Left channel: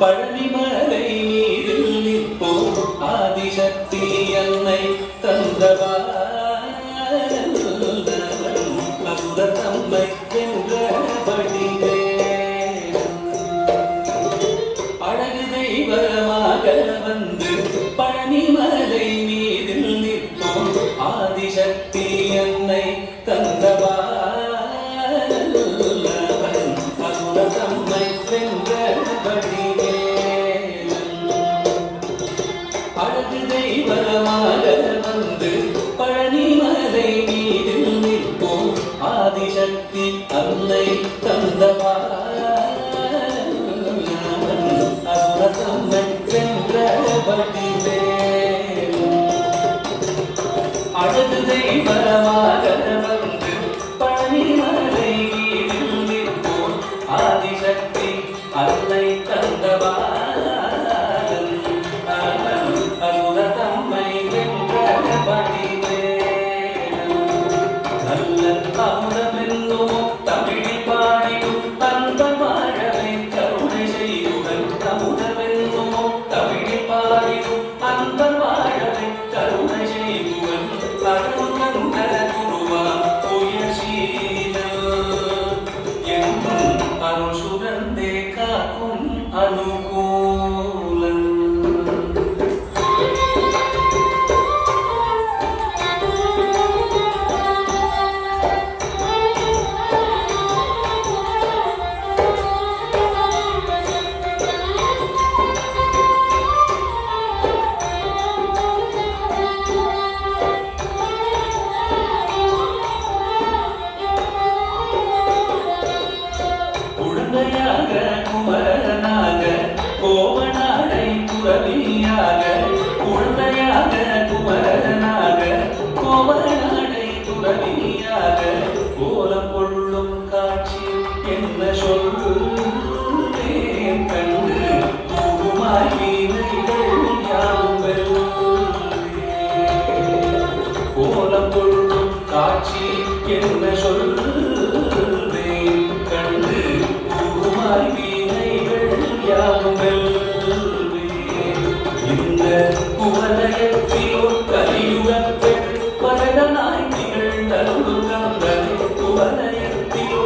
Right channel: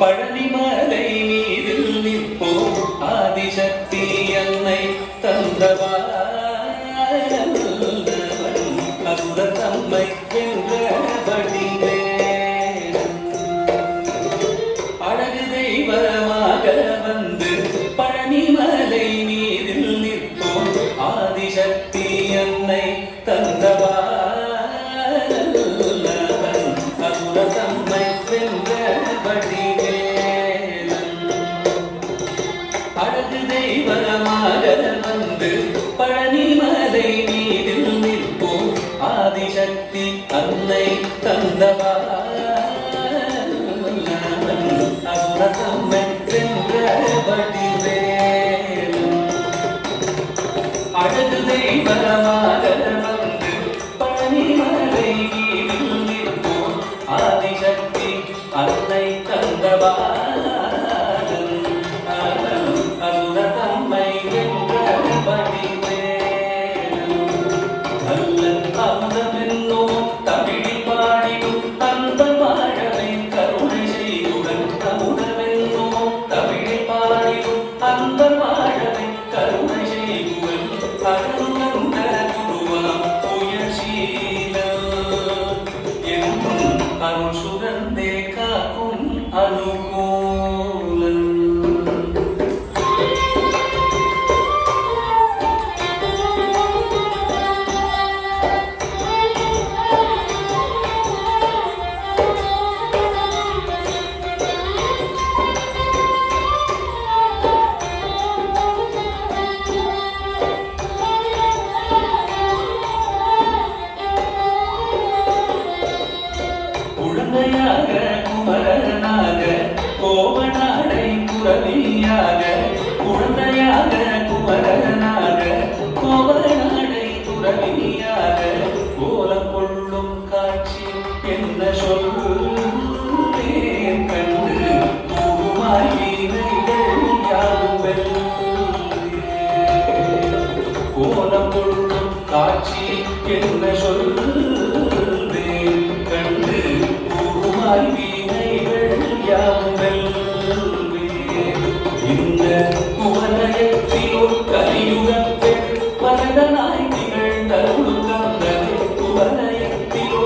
பழனிமலை நீரில் நிற்போம். ஆதிசக்தி என்னை தந்தவா அந்த தம்மை என்றபடியே அழகு தெய்வமாக வந்து பழனிமலை மீதில் தன்னை அன்னை தந்தவா அவ்வளவு வென்றபடியே அழகு வந்து பழனிமலை மீதில் ஆதிசக்தி அன்னை தந்த Lord, குழந்தையாக குமரனாக கோபநாடை துறவியாக குழந்தையாக குமரனாக கோபநாடை துறவியாக கோலம் கொள்ளும் காட்சி என்ன சொல்லு கண்டு உருமாய் வீணைகள் யாவும் இந்த குமரயத்திலோ கலியுகத்தில் பரதனாய் திகழ்ந்தருளுங்கள் குமரயத்திலோ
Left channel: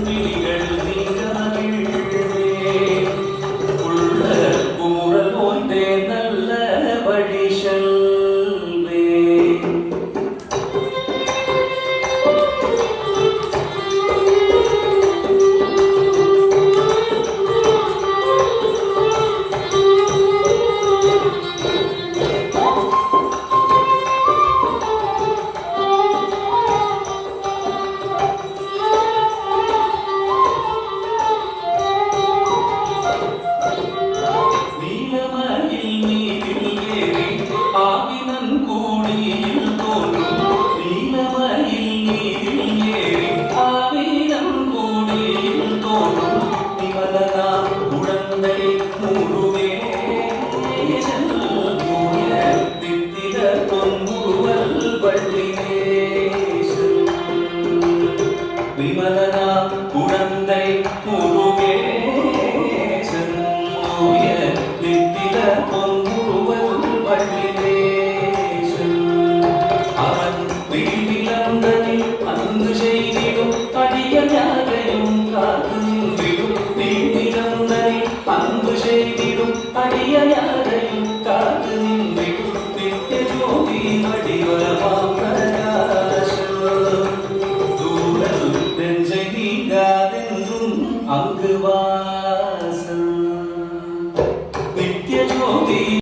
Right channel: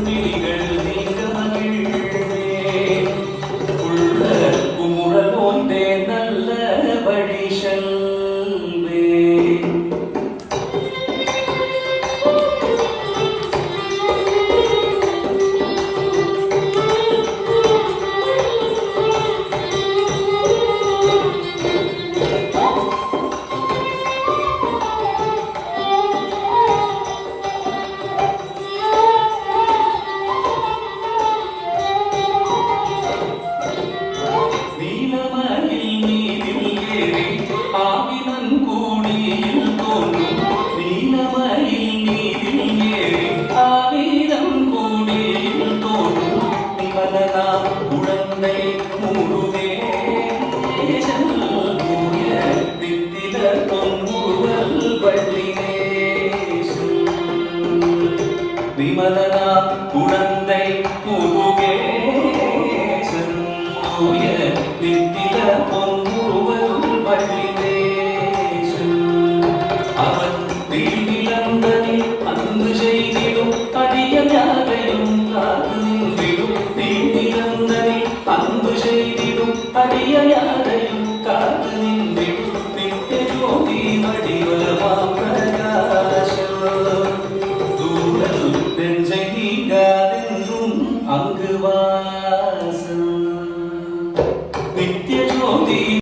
விழிகள் உள்ள ஒன்றே நல்ல வழி விமலனா குழந்தை முருகேசன் தூய நித்தில பொன்முருவல் பள்ளிதேசன் செய்திடும் அடியாரையும் காதலின்றி